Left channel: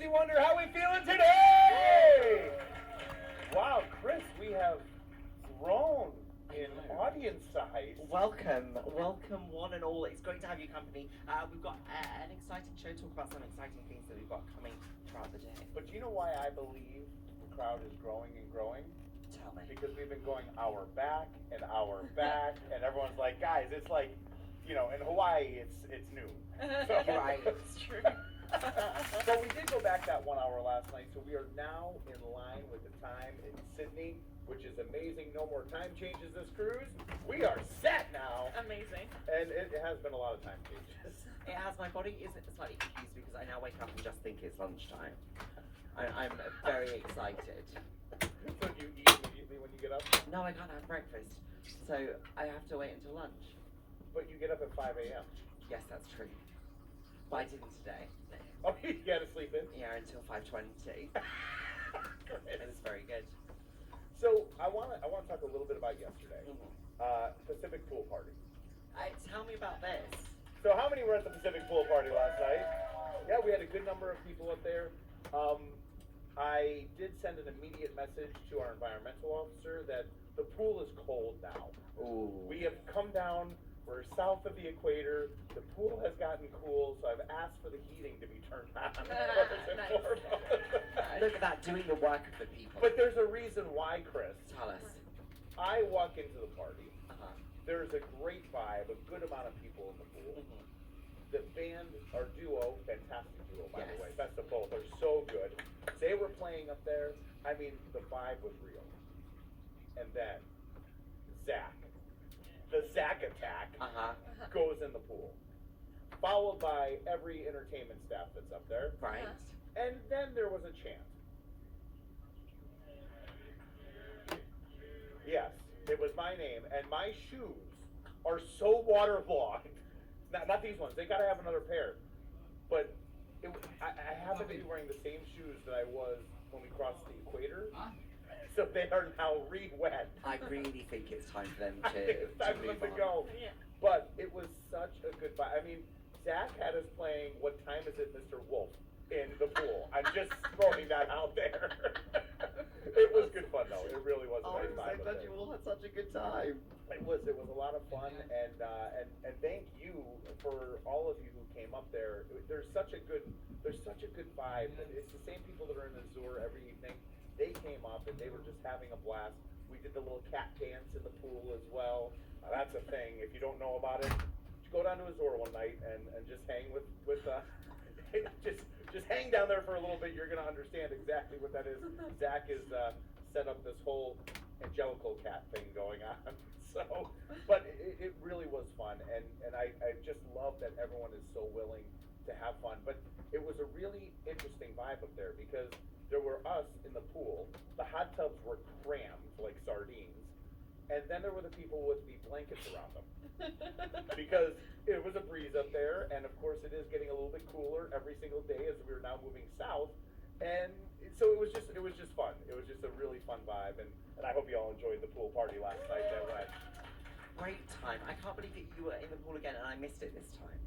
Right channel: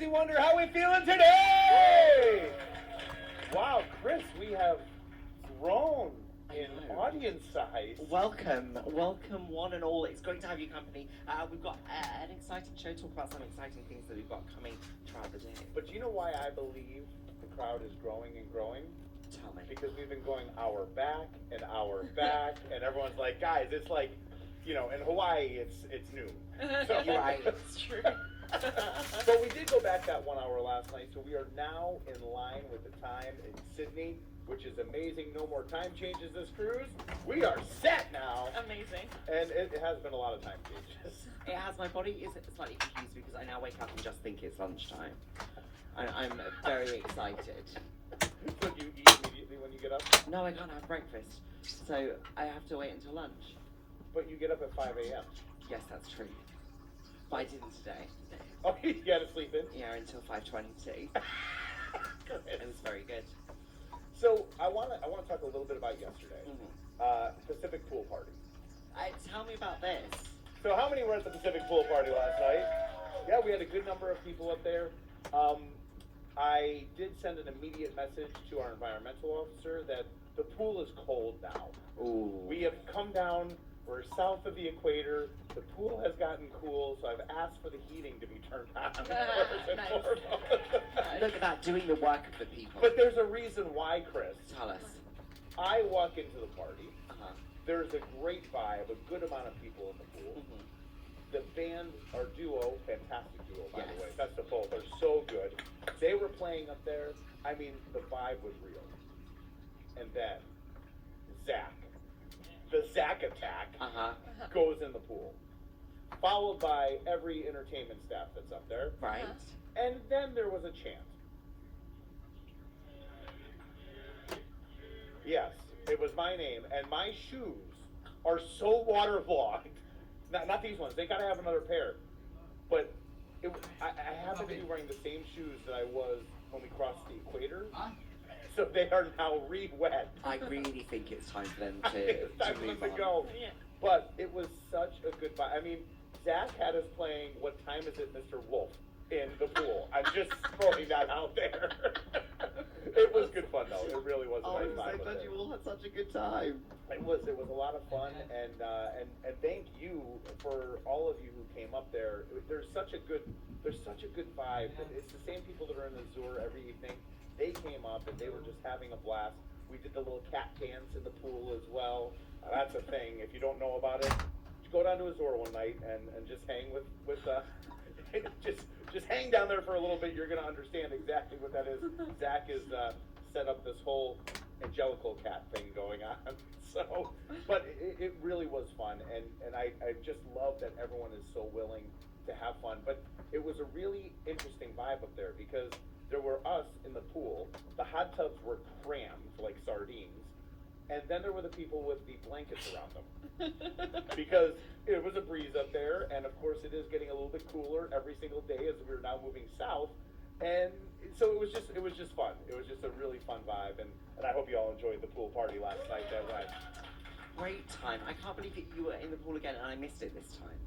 Disney Wonder, how we feeling today? Wow, Chris, we have grown in audience size. Welcome one and all. It's great to have your company. We've got an exciting show, talk about some exciting things that we've got coming throughout the day. But do you know why I believe the crowd is growing and growing? Tell me. Because we've been going hour back, and everyone's like, guys, it's like, you know, in Hawaii, it's noon. So, You're right, it's true. But we did go back that 1 hour last night, so we are now in line with the time in Sydney, which is amazing. No more time changes this cruise. We are set now. Amazing. And it has been a lot of time changes. It has. My body is slightly confused because I now wake up and just think it's lunchtime. I'm very excited. So do you eat immediately when you get up? No, I can't have breakfast, so I have to wait until lunch. But you get up at 5 a.m. Yes, that's true. But I didn't today. Oh, you gotta sleep in? Yeah, until 5:22. It was very good. So I wanna talk a little bit about yesterday. Pacific Pool Party. Tell me about this. So how many were at the Pacific Pool Party last night? Yeah, we had a good number of people up there. I did send an immediate message to our environmental officer that the pool is cold now. Ooh. We have come down, we're south of the equator, the pool has gotten cool, so I've asked for the heating to be turned on. Nice. Look at that, doing the work of the people. But there's a reason why, Chris. Tell us. I walk into the party, Uh-huh. there's a great vibe, a good amount of people in the pool. Mhm. The band, our duo, fantastic duo, by the Yes. way, best of both, are so good. They were playing up there. I mean, the vibe was real. And then, Zach, the Zach attack, Uh-huh. goes in the pool, followed by every entertainment staff that's up there. Right. And then there was a chant. Yes, it was my name, and my shoes are so waterlogged. Not these ones. They gotta have another pair. But I happen to be wearing the same shoes that I was when we crossed the equator. So they are now re-wet. I really think it's time for them I think to it's time for them move to on. go. Yeah. But it was such a good vibe. I mean, Zach had us playing What Time Is It, Mr. Wolf in the pool. I'm just throwing that out there. It was good fun though. It really was a Oh, nice I'm so vibe. up glad there. you all had such a good time. It was a lot of fun, and thank you for all of you who came up there. There's such a good vibe. It's the same people that are in the Azure every evening. They came up and they were just having a blast. We did the little cat dance in the pool as well. That's a thing. If you don't know about it, just go down to Azure one night and just hang with just hang down there for a little bit. You're gonna understand exactly what that is. Zach is set up this whole angelical cat thing going on. So, but it really was fun, and I just love that everyone is so willing to have fun. But it was a really interesting vibe up there because there were us in the pool. The hot tubs were crammed like sardines, and then there were the people with the blankets around them because it was a breeze up there, and of course it is getting a little bit cooler every single day as we're now moving south. And so it was just fun. It was just a really fun vibe, and I hope you all enjoyed the pool party last night that went. Great time. I can't believe that you were in the pool again and I missed it this time.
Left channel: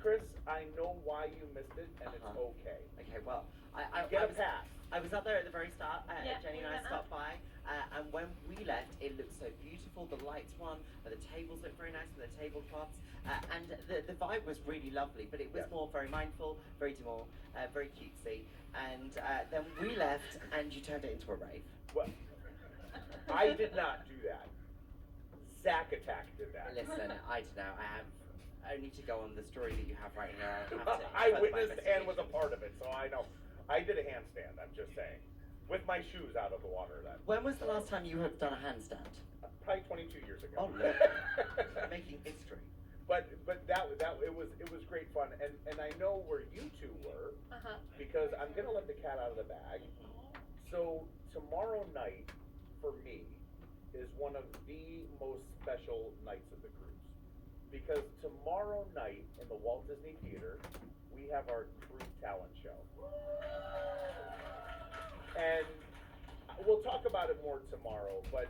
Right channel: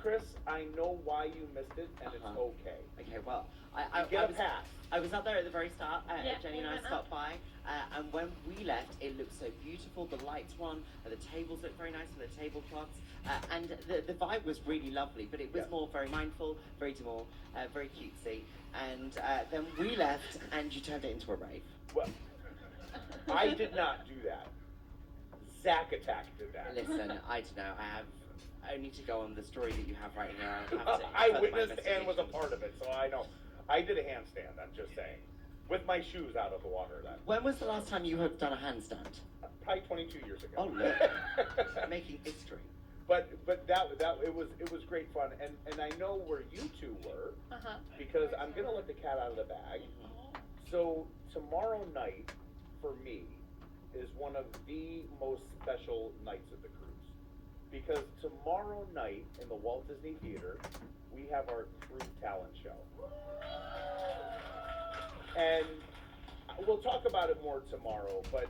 Chris, I know why you missed it, and it's Uh-huh. okay. Okay, well, Get a pass. I was up there at the very start. Yeah, Jenny we and I went stopped by, and when we left, it looked so beautiful. The lights were on, the tables looked very nice with the tablecloths, and the vibe was really lovely. But it was Yes. more very mindful, very demure, very cutesy. And then we left, and you turned it into a rave. Well, I did not do that. Zach Attack did that. Listen, I don't know. I have only to go on the story that you have right here. I'll have to I further my witnessed and was a investigation. part of it, so I know. I did a handstand, I'm just saying. With my shoes out of the water then. When was the last time you have done a handstand? Probably 22 years ago. Oh, look. Making history. But it was great fun, and I know where you two were because I'm gonna let the cat out of the bag. So tomorrow night for me is one of the most special nights of the cruise because tomorrow night in the Walt Disney Theater we have our crew talent show, and we'll talk about it more tomorrow. But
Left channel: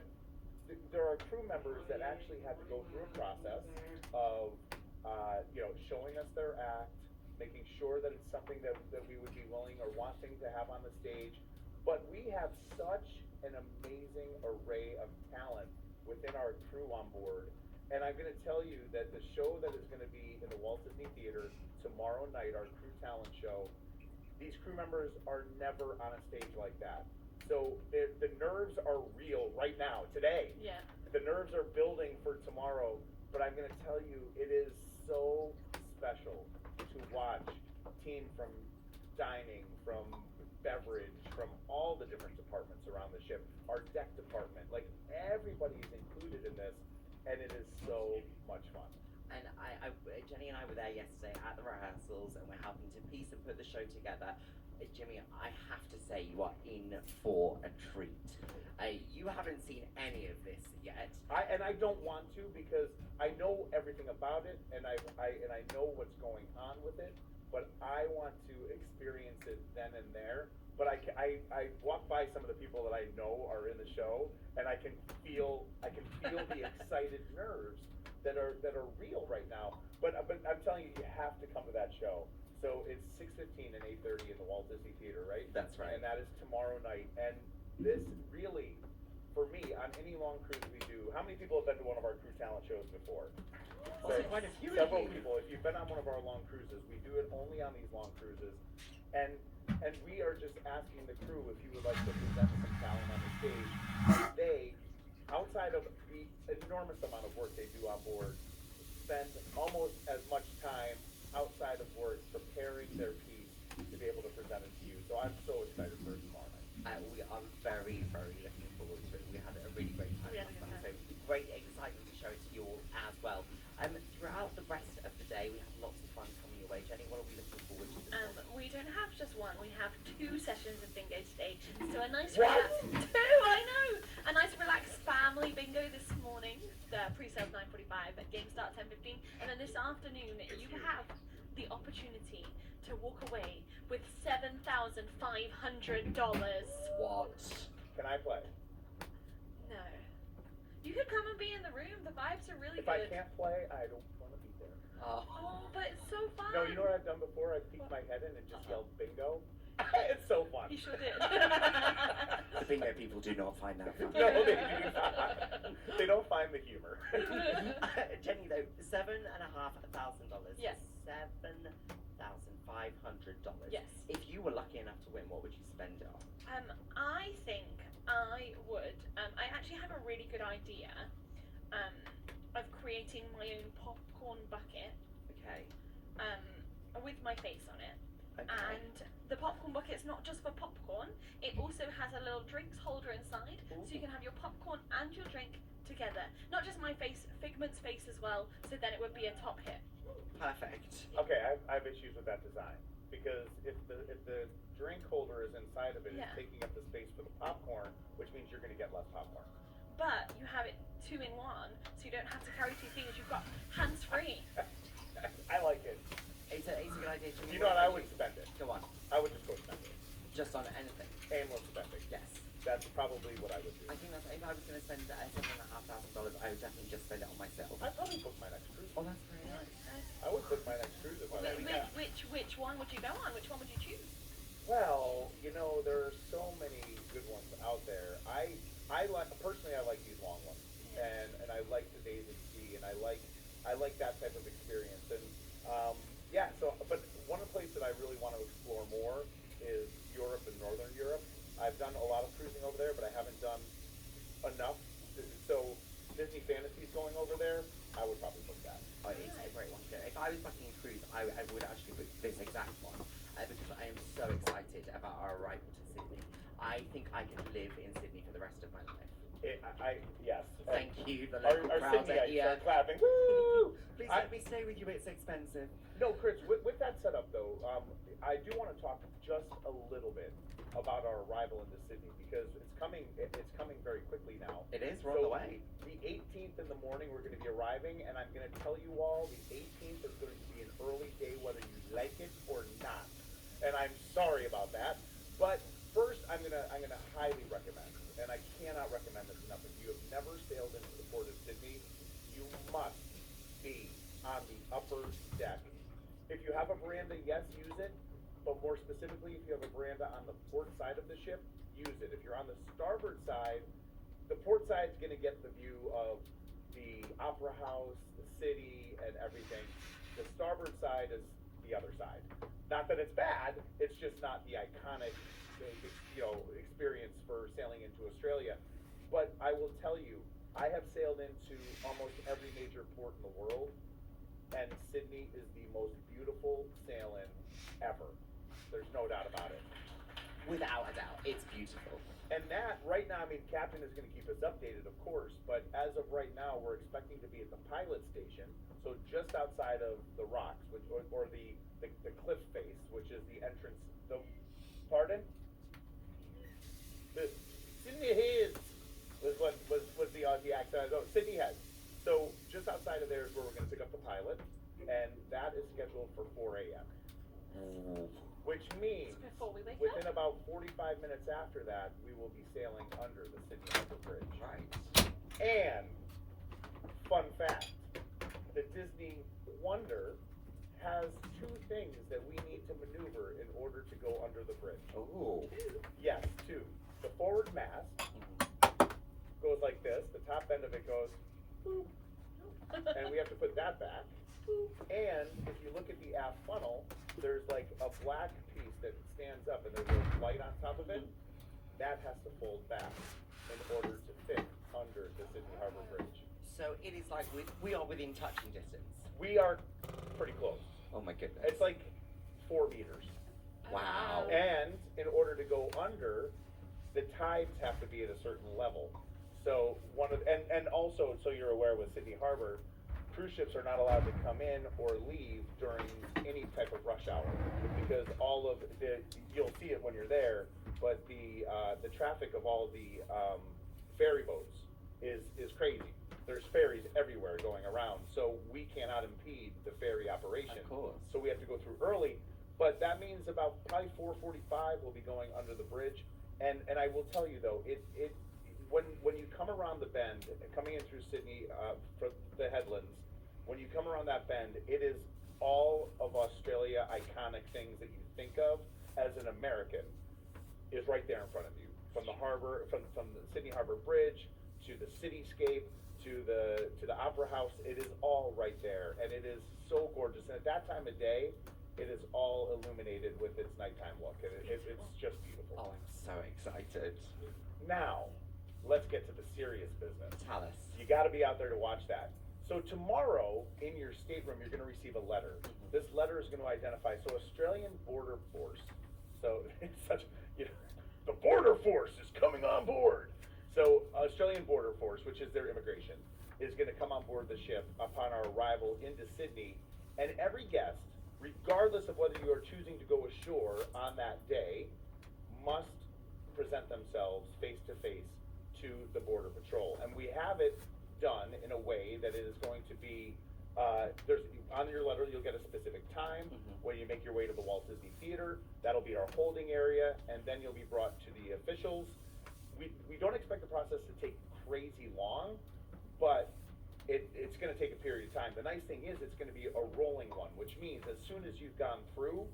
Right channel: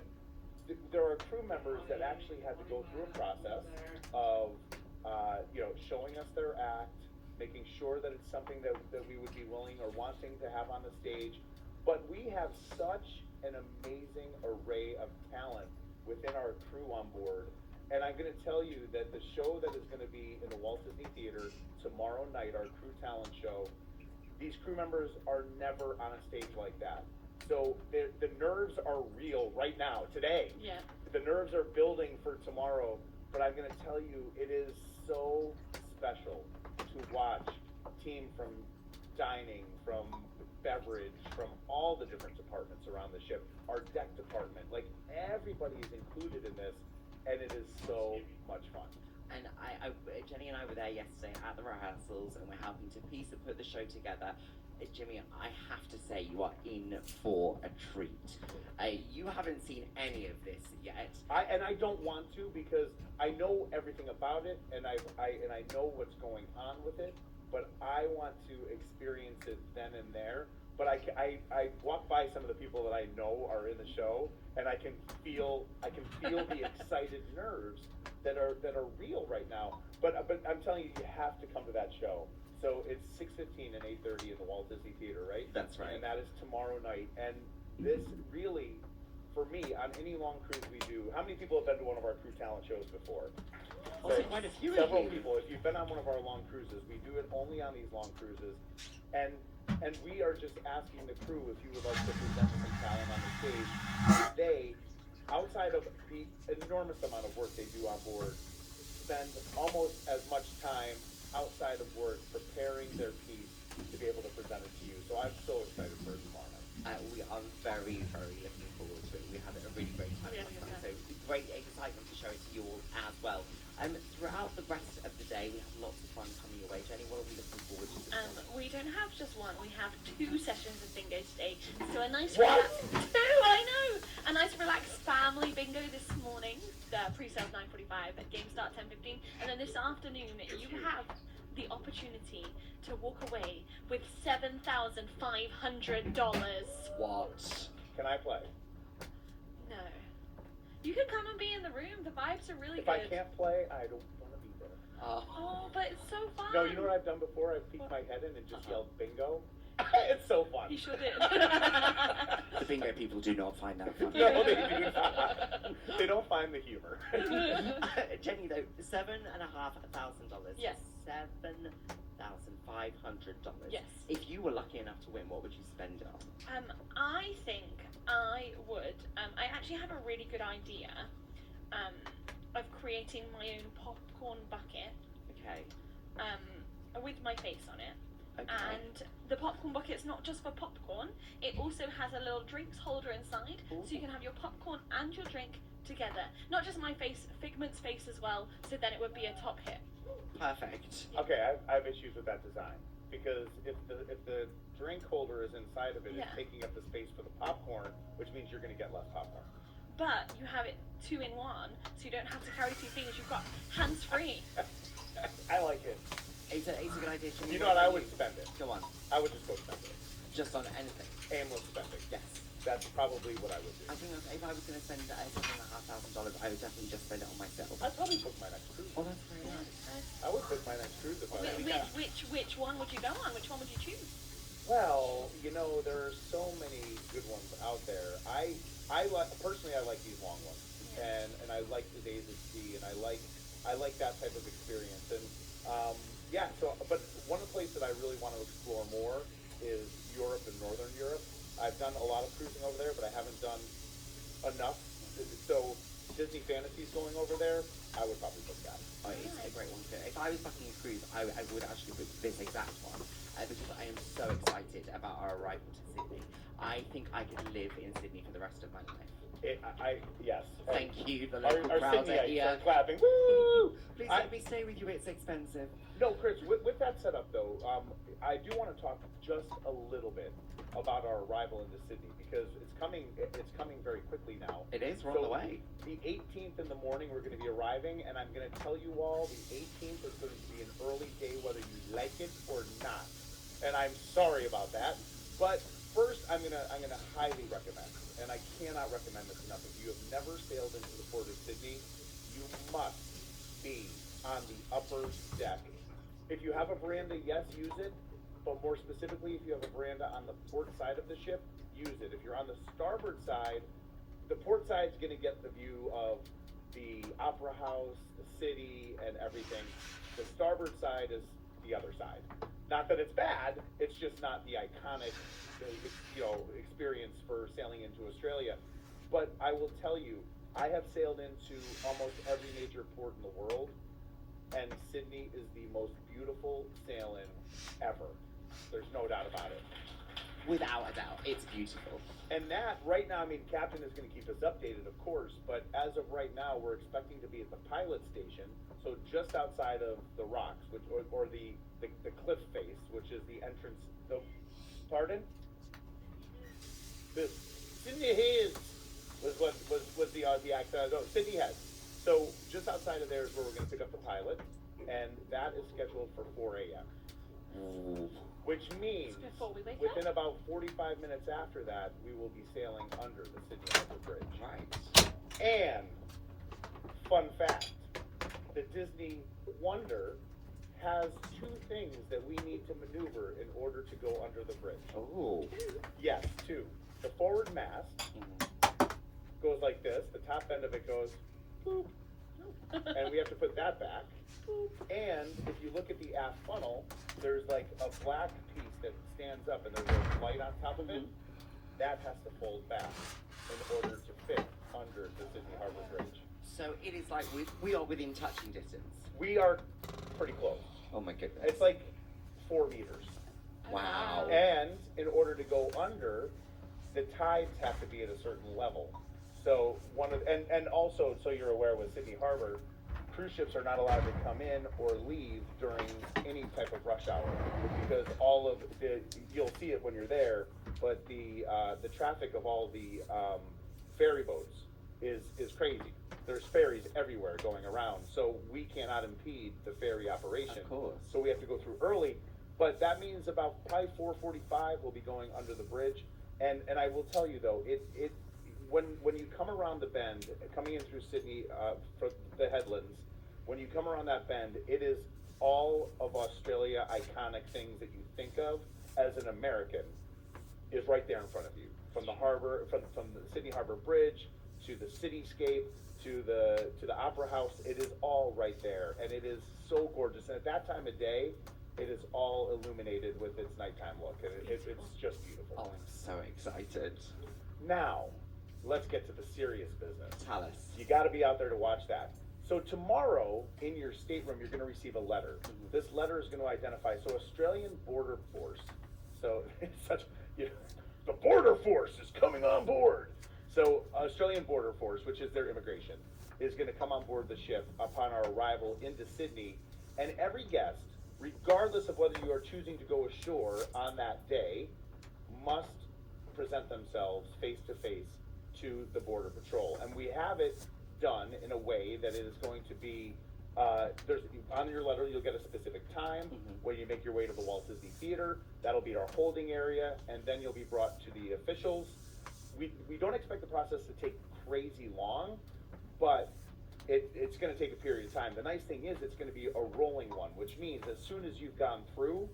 there are crew members that actually had to go through a process of, showing us their act, making sure that it's something that we would be willing or wanting thing to have on the stage. But we have such an amazing array of talent within our crew on board. And I'm going to tell you that the show that is going to be in the Walt Disney Theater tomorrow night, our crew talent show, these crew members are never on a stage like that. So the nerves are real right now, today. Yeah. The nerves are building for tomorrow. But I'm going to tell you, it is so special to watch a team from dining, from beverage, from all the different departments around the ship, our deck department, like everybody is included in this, and it is so much fun. And Jenny and I were there yesterday at the rehearsals, and we're helping to piece and put the show together. Jimmy, I have to say you are in for a treat. You haven't seen any of this yet. I don't want to, because I know everything about it, and I know what's going on with it, but I want to experience it then and there. But I walk by some of the people that I know are in the show, and I can feel the excited nerves that are real right now. But I'm telling you, you have to come to that show. So it's 6:15 and 8:30 in the Walt Disney Theater, right? That's right. And that is tomorrow night. And this really, for me, on any long cruise we do, how many people have been to one of our crew talent shows before? Oh, So, quite a few. several people. If you've been on one of our long cruises, we do it only on these long cruises. And we are just asking the crew if you would like to present some talent on the stage. And they, outside of the enormous amount of work they do on board, spend almost as much time outside of work preparing their piece to be able to present it to you. So I'm so excited for it tomorrow night. We are very, very looking forward to it. We had a really great time We had a last good night, time. so great excitement to show it to you all as well. Throughout the rest of the day, we have lots of fun coming your way. Jenny, what are we looking forward to this morning? We don't have just one. We have 2 sessions of bingo today. So a nice What? two, I know. A nice relaxed family bingo this morning. The pre-sales 9:45, at game start 10:15, and then this afternoon you have the opportunity to walk away with $7,500. What? Can I play? No. You could come and be in the room. The vibes are really If good. I can't play, I don't want to be there. Oh, but it's so fun. No, you know what I've done before? I've peeked my head in and just yelled bingo. It's so fun. He sure did. The bingo people do not find that funny. No, they do not. They don't find the humor. Jenny, though, $7,500. Yes. $7,500. Yes. If you were lucky enough to win, what would you spend it on? I think I would. I actually have a really good idea of creating my own popcorn bucket Okay. with my face on it. Okay. And the popcorn bucket's not just for popcorn, it also has a little drinks holder inside, so you can have your popcorn and your drink together. Not just my face, Figment's face as well, so then it would be a top hit. Perfect. Okay, I have issues with that design, because if the drink holder is inside of it, Yeah. it's taking up the space for the popcorn, which means you're going to get less popcorn. But you have it 2 in 1, so you don't have to carry 2 things, you've got hands free. I like it. It's a good idea. Jenny. You know what? I about would you? spend it. Go on. I would just go spend it. Just on anything. Aimless spending. Yes. That's probably what I would do. I think if I was going to spend $7,500, I would definitely just spend it on myself. I'd probably book my next cruise. Oh, that's very Yeah. nice. I would book my next cruise if I was. Which one would you go on? Which one would you choose? Well, you know, there are so many good ones out there. I like personally, I like these long ones, Yeah. and I like the days at sea, and I like that type of experience. And yeah, so but one place that I really want to explore more is Europe and Northern Europe. I've done a lot of cruising over there, but I haven't done enough. So Disney Fantasy's going over there. I would probably book that. Oh, it's a great one to go. If I was booking a cruise, I would actually book this exact one because I am so excited about our arrival to Sydney. I think I could live in Sydney for the rest of my life. Yes. Thank you, the Our local crowd Sydney are here. start clapping. Woo! Please let me stay with you. It's expensive. No, Chris. With that setup though, I do want to talk just a little bit about our arrival into Sydney, because it's coming very quickly now. It is. We're on the way. The 18th in the morning, we're going to be arriving, and I'm going to tell you all, the 18th is going to be an early day, whether you like it or not. And I'm sorry about that. But first, I'm gonna highly recommend, and I cannot recommend this enough. If you have never sailed into the port of Sydney, you must be on the upper deck. If you have a veranda, yes, use it. but more specifically, if you have a veranda on the port side of the ship, use it. If you're on the starboard side, the port side's gonna get the view of the Opera House, the city, and everything. The starboard side is the other side. Not that it's bad, it's just not the iconic, experience for sailing into Australia. But I will tell you, I have sailed into almost every major port in the world, and Sydney is the most beautiful sail-in ever. There's no doubt about it. Without a doubt, it's beautiful. And that, right now, I mean, Captain is gonna keep us updated, of course, but as of right now, we're expecting to be at the pilot station, so just outside of the rocks, or the cliff face, which is the entrance, pardon? The Sydney Heads was the Aussie accent. No, Sydney Heads. So just outside of there is where we're gonna pick up the pilot, and that is scheduled for 4 a.m. Which means Before we wake within up. about 45 minutes after that, we will be sailing under the Sydney Harbour Bridge. Right. And fun fact, the Disney Wonder has 2 things that we need to maneuver in order to go under the bridge. Oh. Yes, 2. The forward mast goes like this. The top end of it goes boop, and we have to put that back. And if you look at the aft funnel, there's like a black piece that stands up and there's a light on top of it. That has to fold back in order to fit under the Sydney Harbour Bridge. So it is like we are within touching distance. We are pretty close. Oh my goodness. It's like 4 meters. Wow. And in order to go under, the tides have to be at a certain level. So and also, so you're aware, with Sydney Harbor, cruise ships are not allowed to come in or leave during any type of rush hour, because all of you'll see it when you're there, but the traffic of all the ferry boats is crazy. There's ferries everywhere going around, so we cannot impede the ferry operation. Of course. So we have to go through early, but that means about probably 4:45 we'll be going under the bridge. And I will tell you though, when you come around the bend, coming in through Sydney for the headlands, when you come around that bend, it is all of Australia iconic things that you think of as an American is right there in front of you. From the harbor, from the Sydney Harbour Bridge to the cityscape to the Opera House, it is all right there, and it is so gorgeous. And at that time of day, it is all illuminated with its nighttime look, and it's just beautiful. Oh, I'm so excited. Now, let's get to the serious business. Tell us. You got to be out there to watch that. So tomorrow, in your stateroom, you're going to receive a letter. This letter is going to identify, so Australian Border Force. So it's such, the Border Force is coming on board. So Australian Border Force, which is their immigration, is going to come on board the ship upon our arrival into Sydney, and every guest, regardless of whether you are choosing to go ashore on that day, must present themselves face to face to the Border Patrol. And we have it done in a way that it is going to be, on your letter you'll get a specific time when you make your way to the Walt Disney Theater. That'll be our holding area, and then you'll be brought to the officials. We don't expect the process to take crazy long, but it's going to take a period of time. The nice thing is it's going to be a rolling one, which means as soon as you've gone through,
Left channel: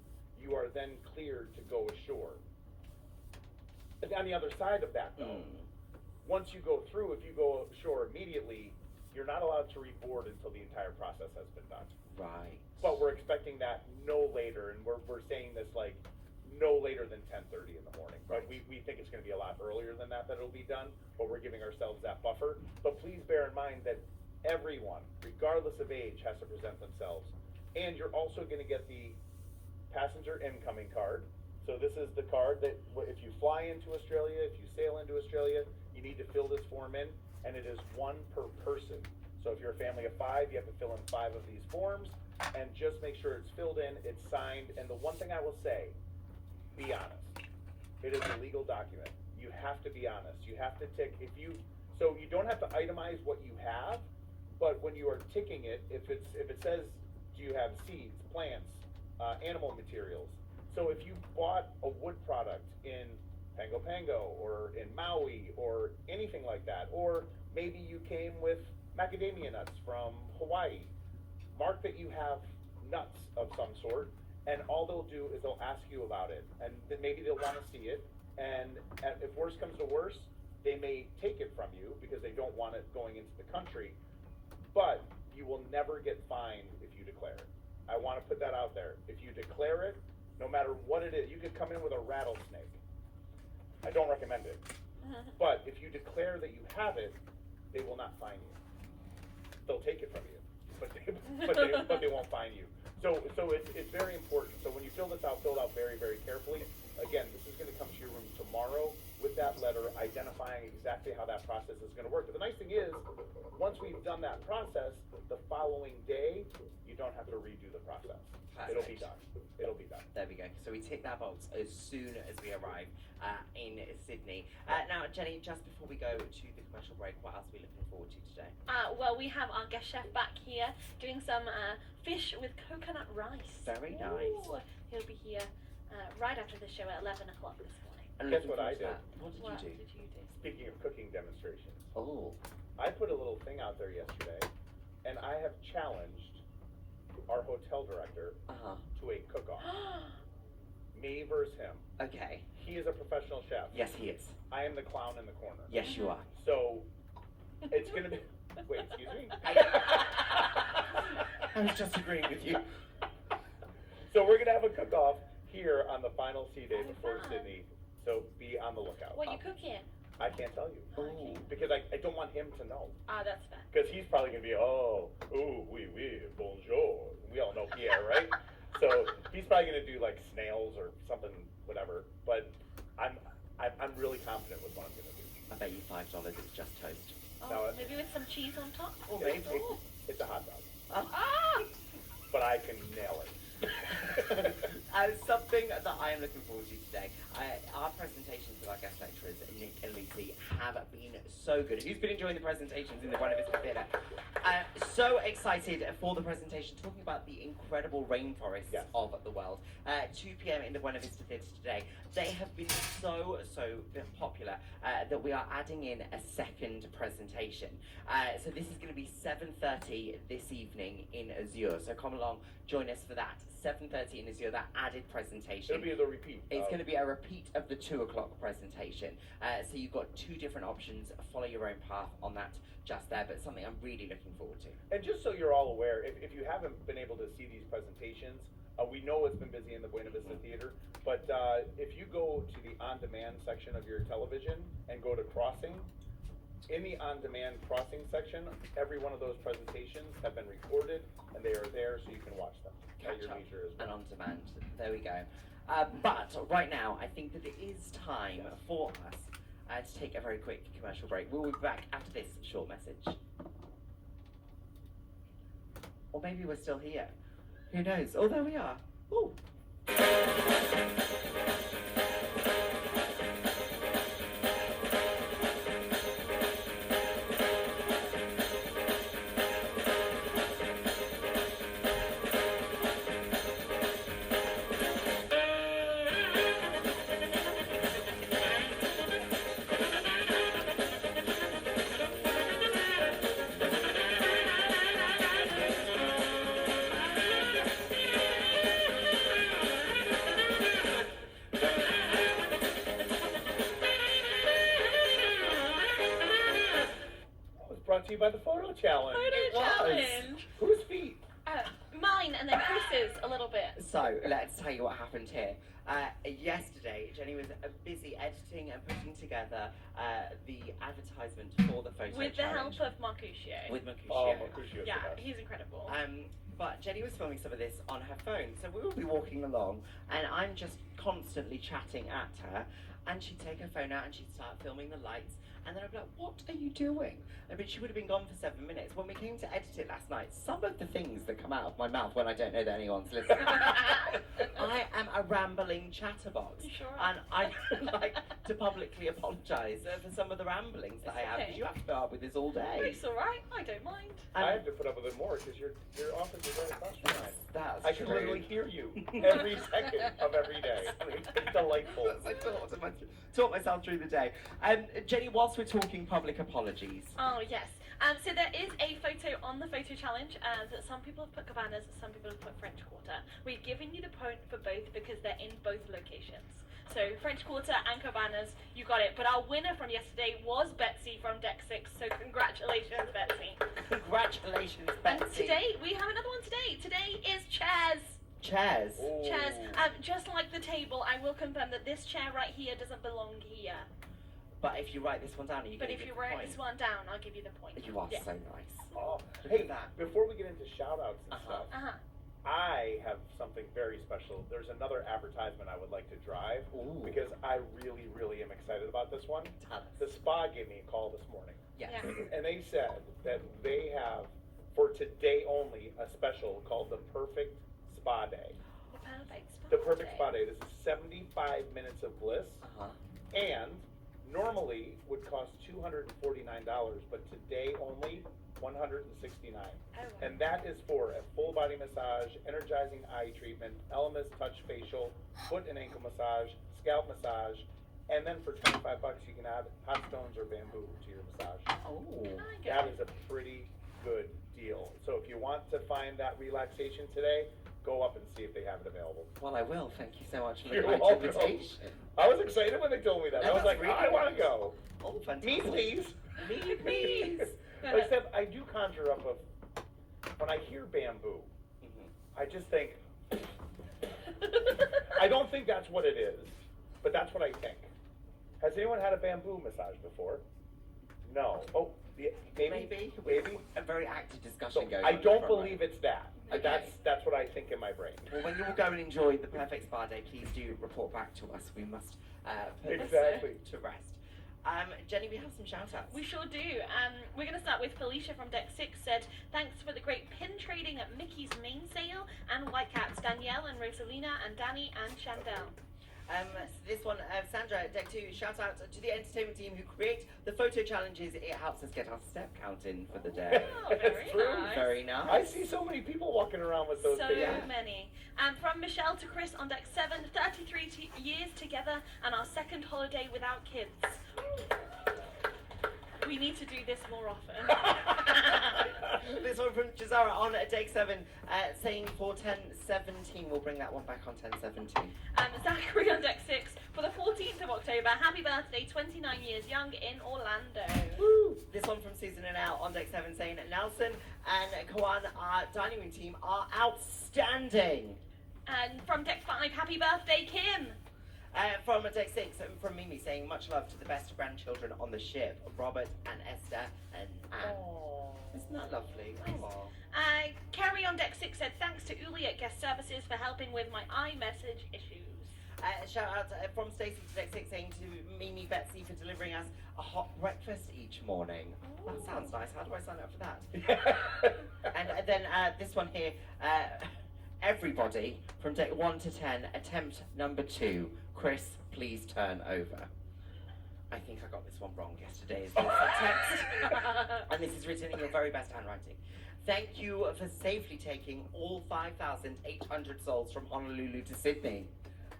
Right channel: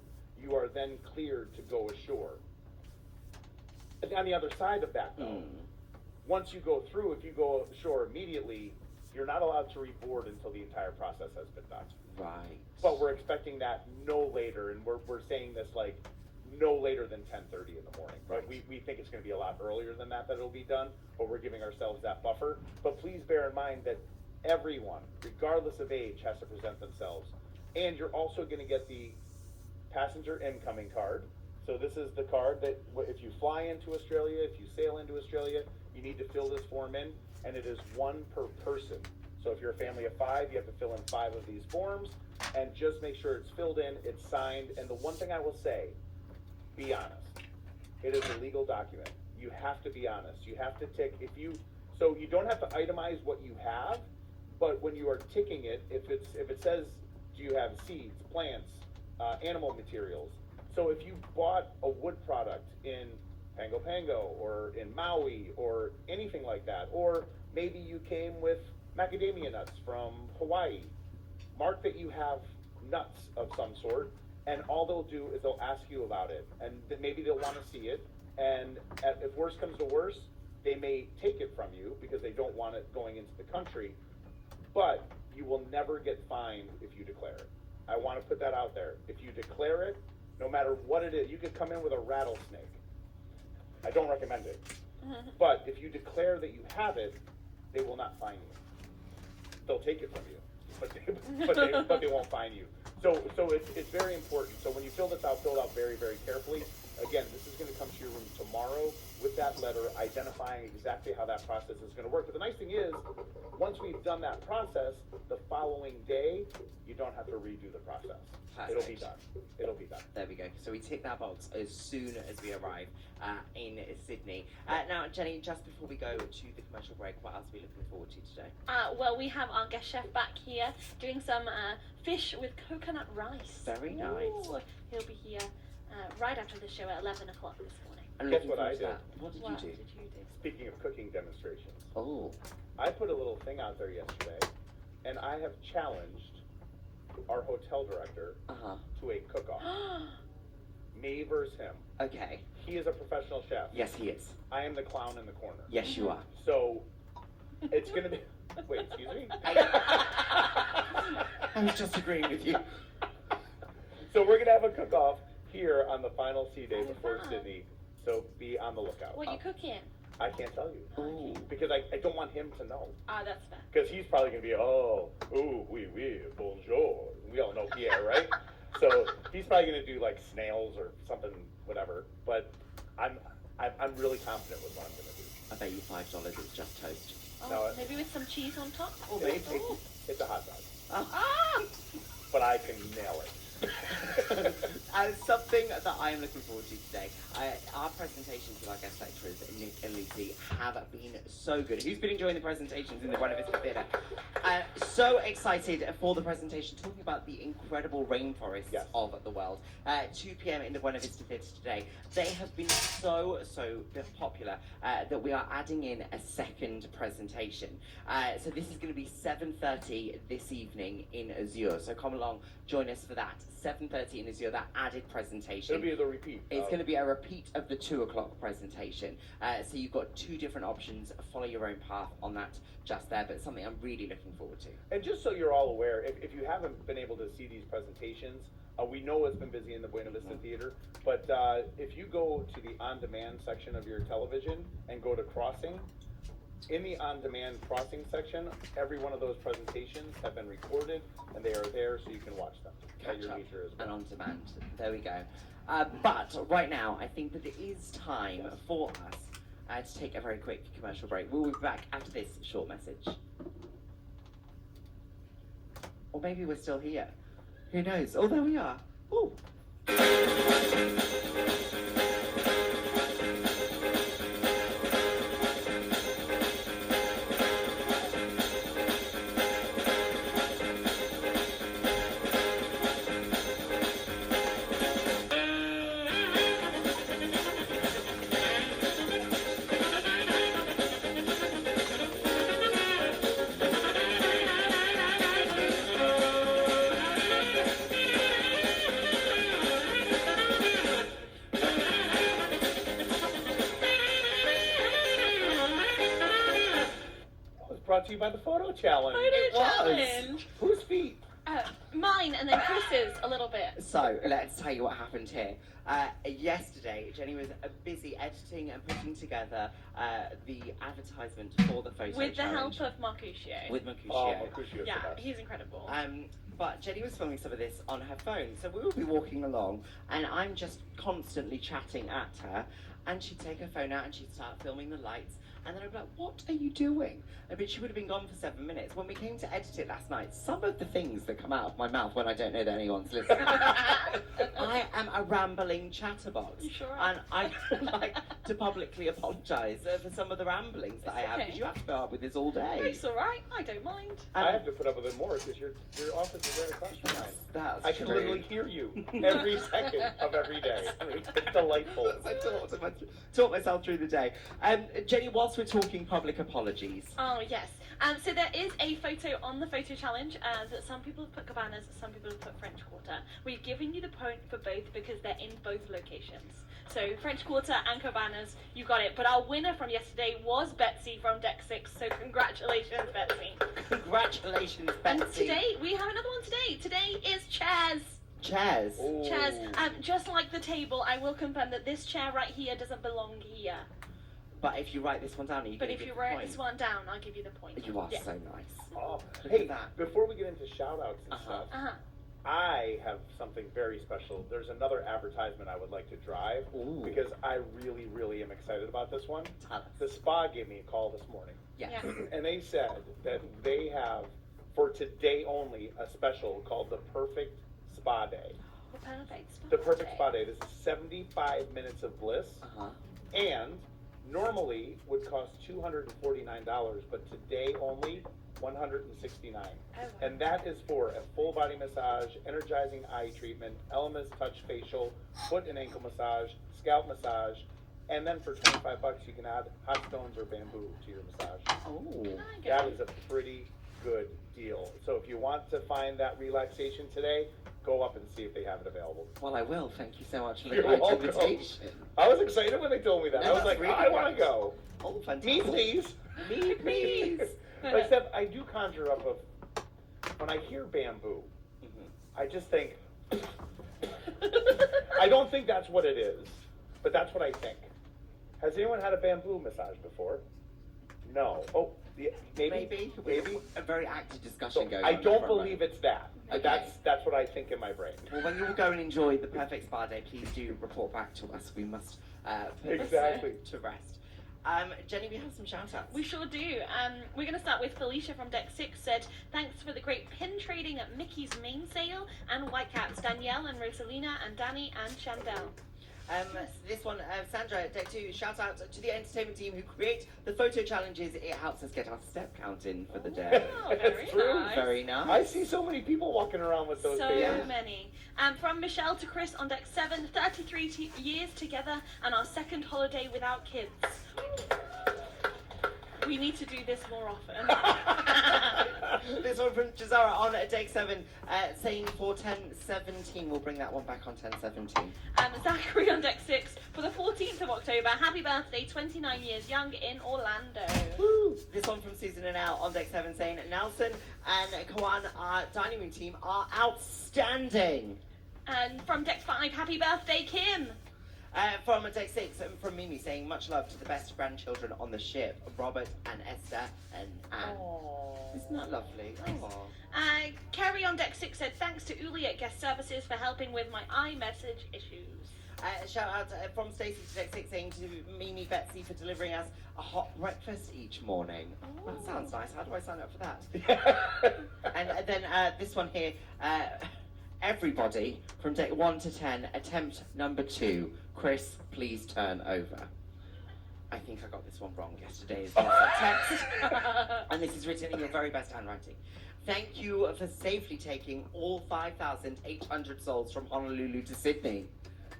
you are then cleared to go ashore. And on the other side of that, though, once you go through, if you go ashore immediately, you're not allowed to reboard until the entire process has been done. Right. But we're expecting that no later, and we're saying this like no later than 10:30 in the morning. But we think it's going to be a lot earlier than that it'll be done, but we're giving ourselves that buffer. But please bear in mind that everyone, regardless of age, has to present themselves. And you're also going to get the passenger incoming card. So this is the card that if you fly into Australia, if you sail into Australia, you need to fill this form in, and it is 1 per person. So if you're a family of 5, you have to fill in 5 of these forms, and just make sure it's filled in, it's signed. And the one thing I will say, be honest. It is a legal document. You have to be honest. You have to tick, so you don't have to itemize what you have, but when you are ticking it, if it says, do you have seeds, plants, animal materials? So if you bought a wood product in Pango Pango or in Maui or anything like that, or maybe you came with macadamia nuts from Hawaii, mark that you have nuts of some sort, and all they'll do is they'll ask you about it, and then maybe they'll want to see it, and if worse comes to worse, they may take it from you because they don't want it going into the country, but you will never get fined if you declare it. I want to put that out there. If you declare it, no matter what it is, you could come in with a rattlesnake. I don't recommend it. But if you declare that you have it, they will not fine you. They'll take it from you, but they won't fine you. So it's very important. So when you fill this out, fill it out very, very carefully. Again, this is going to come to your room tomorrow with that letter identifying exactly how that process is going to work. But the nice thing is, once we've done that process, the following day, you don't have to redo the process. Perfect. It'll be done. It'll be done. There we go. So we tick that box as soon as we arrive in Sydney. Now, Jenny, just before we go to the commercial break, what else are we looking forward to today? Well, we have our guest chef back here doing some fish with coconut rice. Very nice. Ooh, he'll be here right after the show at 11 o'clock this morning. And Guess looking what I forward to did? that. What did What you do? did you do? Speaking of cooking demonstrations, Oh, I put a little thing out there yesterday, and I have challenged our hotel director to a cook-off. Me versus him. okay. He is a professional chef. Yes, he is. I am the clown in the corner. Yes, you are. So, it's gonna be, wait, excuse me? I was just agreeing with you. So we're gonna have a cook-off here on the final sea day Oh, before fun. Sydney, so be on the lookout. What are you cooking? I can't tell you, Oh. because I don't want him to know. That's fair. Because he's probably going to be, oui, bonjour. We all know Pierre, right? So he's probably going to do like snails or something, whatever. But I'm really confident with what I'm going to do. I bet you $5 it's just toast. No, Maybe with some cheese on top? Or maybe. It's a hot dog, Ah! but I can nail it. Something that I am looking forward to today. Our presentations with our guest lecturers, Nick and Lucy, have been so good. Who's been enjoying the presentations in the Buena Vista Theatre? So excited for the presentation, talking about the incredible rainforests Yes. of the world. 2 p.m. in the Buena Vista Theatre today. They have been so popular that we are adding in a second presentation. So this is going to be 7:30 this evening in Azure. So come along, join us for that. 7:30 in Azure, that added presentation. It'll be the repeat. It's going to be a repeat of the 2 o'clock presentation. So you've got 2 different options. Follow your own path on that just there, but something I'm really looking forward to. And just so you're all aware, if you haven't been able to see these presentations, we know it's been busy in the Buena Vista Theater, but if you go to the on-demand section of your television and go to Crossing, in the on-demand Crossing section, every one of those presentations have been recorded, and they are there so you can watch them at your Catch up leisure as and well. on demand. There we go. But right now, I think that it is time for us to take a very quick commercial break. We'll be back after this short message. Or maybe we're still here. Who knows? Oh, there we are. Ooh. Brought to you by the Photo Challenge. Photo challenge! Whose feet? Mine and then Chris's a little bit. So, let's tell you what happened here. Yesterday, Jenny was busy editing and putting together the advertisement for the photo With the challenge. help of Marcusio. With Mercutio. Oh, Mercutio's Yeah, the best. he's incredible. But Jenny was filming some of this on her phone, so we will be walking along, and I'm just constantly chatting at her, and she'd take her phone out and she'd start filming the lights, and then I'd be like, what are you doing? But she would have been gone for 7 minutes. When we came to edit it last night, some of the things that come out of my mouth when I don't know that anyone's listening, I am a rambling chatterbox. You sure are. And I would like to publicly apologise for some of the ramblings that I have, because you have to put up with this all day. It's alright, I don't mind. I have to put up with it more because your office is right across from mine. That's I can true. literally hear you every second of every day. It's delightful. I talk myself through the day. Jenny, whilst we're talking public apologies. Oh, yes. So there is a photo on the photo challenge that some people have put cabana Cabanas, some people have put French Quarter. We've given you the point for both because they're in both locations. So French Quarter and Cabanas, you got it. But our winner from yesterday was Betsy from Deck 6, so congratulations, Betsy. Congratulations, And Betsy. today, we have another one today. Today is chairs. Chairs. Ooh. Chairs. Just like the table, I will confirm that this chair right here doesn't belong here. But if you write this one down, you But can if give you the write point. this one down, I'll give you the point. You are Yeah. so nice. Oh, Look hey, at that. before we get into shout outs and Uh-huh. stuff, Uh-huh. I have something very special. There's another advertisement I would like to drive Ooh. because I really, really am excited about this one. Tell us. The spa gave me a call this morning, Yes. Yeah. and they said that they have, for today only, a special called the Perfect Spa Day. The perfect spa The Perfect day. Spa Day. This is 75 minutes of bliss, Uh-huh. and normally would cost $249, but today only $169. Oh, wow. And that is for a full body massage, energizing eye treatment, Elemis touch facial, foot and ankle massage, scalp massage, and then for $25 you can add hot stones or bamboo to your massage. Oh. I get That it. is a pretty good deal. So if you want to find that relaxation today, go up and see if they have it available. Well, I will. Thank you so much for the You're great welcome. invitation. I was excited when they told me that. No, I was that's like, really I want to good. go. Oh, fantastic. Me, please. Me, please. Except I do conjure up of, when I hear bamboo, Mhm. I just think, I don't think that's what it is, but that's what I think. Has anyone had a bamboo massage before? No. Oh, yeah, maybe. Maybe. A very active So discussion going I on. don't front believe row. it's that. Okay. That's what I think in my brain. Well, when you all go and enjoy the perfect spa day, please do report back to us. We must put this Exactly. to rest. Jenny, we have some shout outs. We sure do. We're going to start with Felicia from Deck 6 said, thanks for the great pin trading at Mickey's main sale and Whitecaps, Danielle and Rosalina and Danny and Chandel. This one, Sandra, Deck 2, shout out to the entertainment team who create the photo challenges. It helps us get our step count in for the day. Oh, very It's true. nice. Very nice. I see so many people walking around with those So things. many. From Michelle to Chris on Deck 7, 33 years together and our second holiday without kids. We need to do this more often. This one from Jazara on Deck 7, saying for 1017. We'll bring that one back on 1017. Zachary on Deck 6 for the 14th of October. Happy birthday, 29 years young in Orlando. Woo! This one from Susan and Al on Deck 7 saying Nelson and Kawan, our dining room team, are outstanding. And from Deck 5, happy birthday, Kim. From Deck 6, from Mimi saying much love to the best grandchildren on the ship, Robert and Esther and Anne. Aww. Isn't that lovely? Oh. Kerry on Deck 6 said, thanks to Uli at Guest Services for helping with my iMessage issues. Shout out from Stacey to Deck 6 saying to Mimi Betsy for delivering us a hot breakfast each morning. That sounds nice. How do I sign up for that? And then this one here, everybody from Deck 1 to 10, attempt number 2. Chris, please turn over. I think I got this one wrong yesterday. Is the text, and this is written in your very best handwriting. Thank you for safely taking all 5,800 souls from Honolulu to Sydney.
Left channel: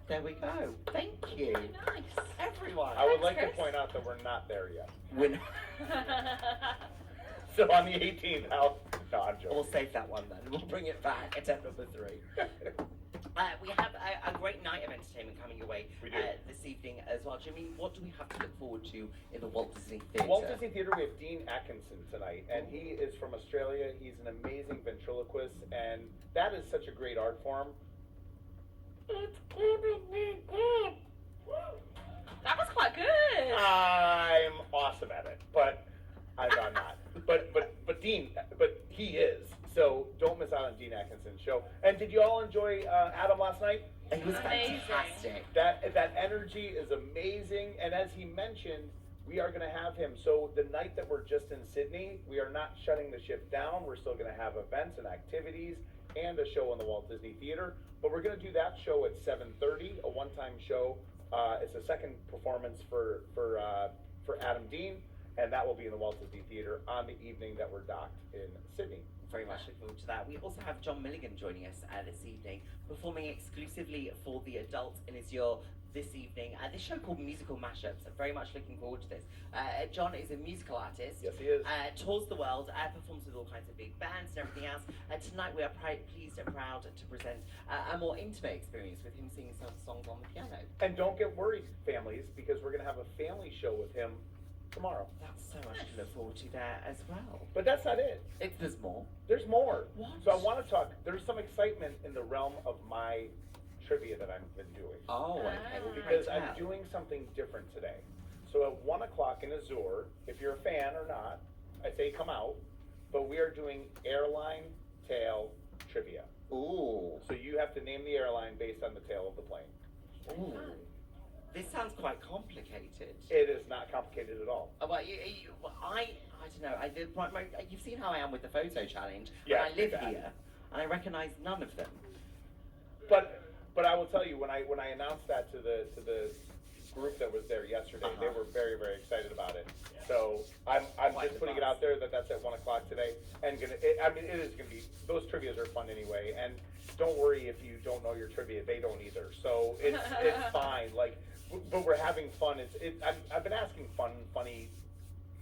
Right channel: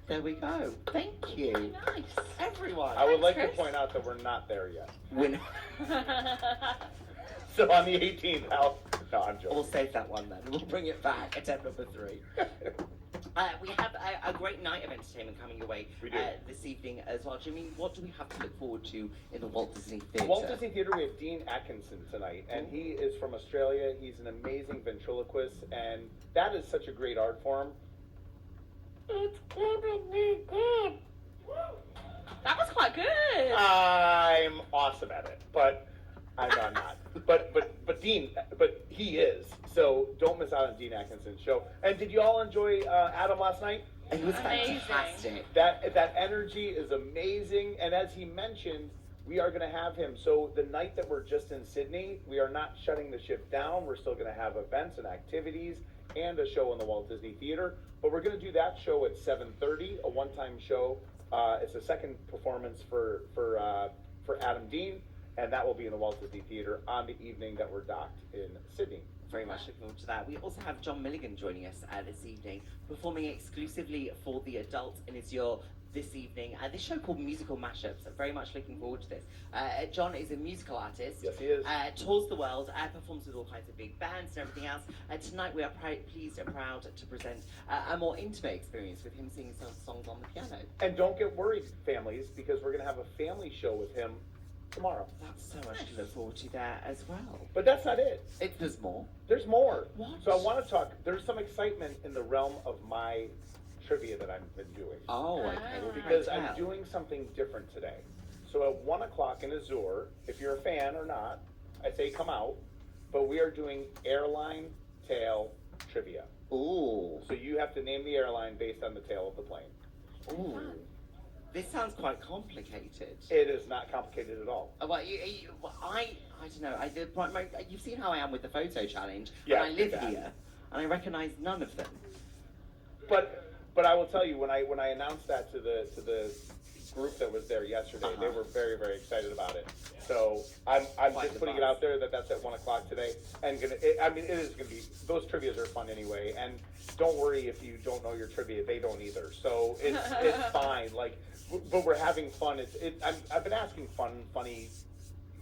There we go. Thank you, Nice. everyone. I would Thanks, like to Chris. point out that we're not there yet. Win- So on the 18th, no, I'm We'll joking. save that one then. We'll bring it back. Attempt number 3. We have a great night of entertainment coming your way We do. this evening as well. Jimmy, what do we have to look forward to in the Walt Disney Theatre? Walt Disney Theatre, we have Dean Atkinson tonight, and he is from Australia. He's an amazing ventriloquist, and that is such a great art form. It's giving me good. That was quite good. I'm awesome at it, but I'm not. But Dean, but he is. So don't miss out on Dean Atkinson's show. And did you all enjoy Adam last night? It was Amazing. fantastic. That energy is amazing, and as he mentioned, we are going to have him. So the night that we're just in Sydney, we are not shutting the ship down. We're still going to have events and activities and a show in the Walt Disney Theater. But we're going to do that show at 7:30, a one-time show. It's a second performance for Adam Dean, and that will be in the Walt Disney Theater on the evening that we're docked in Sydney. Very much looking forward to that. We also have John Milligan joining us this evening, performing exclusively for the adults, and is your this evening. This show called Musical Mashups. I'm very much looking forward to this. John is a musical artist. Yes, he is. Tours the world, performs with all kinds of big bands and everything else. Tonight we are pleased and proud to present a more intimate experience with him singing some songs on the piano. And don't get worried, families, because we're going to have a family show with him tomorrow. That's so much to look forward to there as well. But that's not it. There's more. There's more. What? So I want to talk, there's some excitement in the realm of my trivia that I've been doing. Oh, okay. Oh. Because Pray I'm tell. doing something different today. So at 1 o'clock in Azure, if you're a fan or not, I say come out, but we are doing airline tail trivia. Ooh. So you have to name the airline based on the tail of the plane. Ooh. This sounds quite complicated. It is not complicated at all. Well, I don't know. You've seen how I am with the photo challenge. Yeah, And I live exactly. here, and I recognise none of them. But I will tell you, when I announced that to the group that was there yesterday, they were very, very excited about it. So I'm Quite just the putting it buzz. out there that that's at 1 o'clock today, and it is gonna be, those trivias are fun anyway, and don't worry if you don't know your trivia, they don't either. So it's fine. Like, but we're having fun. I've been asking funny,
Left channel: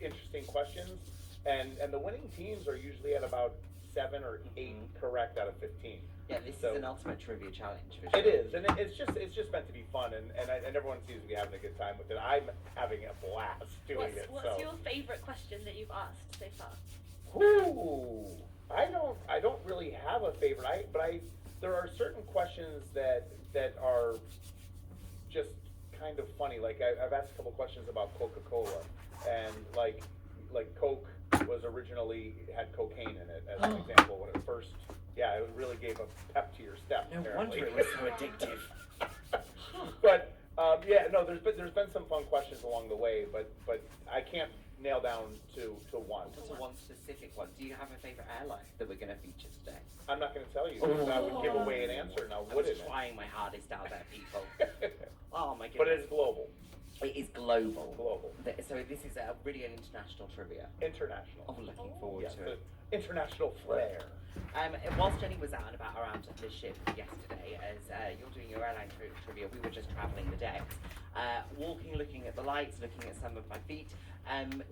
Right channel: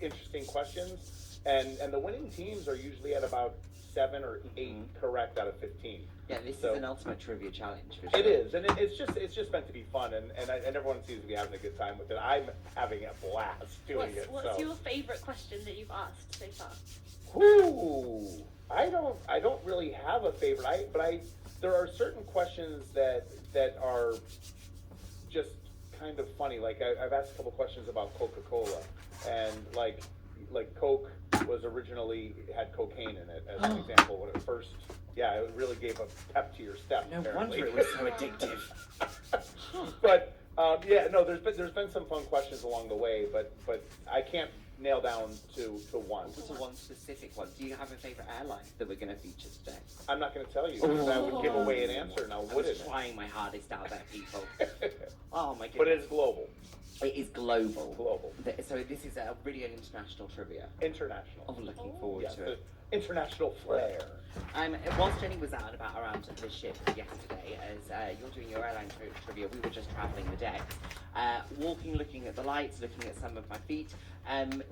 interesting questions, and the winning teams are usually at about 7 or 8 correct out of 15. Yeah, this So- is an ultimate trivia challenge for sure. It is, and it's just meant to be fun, and everyone seems to be having a good time with it. I'm having a blast doing it. What's your favourite question that you've asked so far? Ooh, I don't really have a favorite. There are certain questions that are just kind of funny. Like I've asked a couple questions about Coca-Cola, and like Coke was originally had cocaine in it as an example when it first. Yeah, it really gave a pep to your step. No apparently. wonder it was so addictive. But yeah, no, there's been some fun questions along the way, but I can't nail down to one. What's the one specific one? Do you have a favourite airline that we're going to feature today? I'm not going to tell you because that would give away an answer now, I wouldn't was trying my hardest out there, people. it? Oh my goodness. But it's global. It is global. Global. So this is really an international trivia. International. Oh, looking forward Yes, to it. the international flair. Whilst Jenny was out and about around the ship yesterday, as you're doing your airline trivia, we were just travelling the decks, walking, looking at the lights, looking at some of my feet.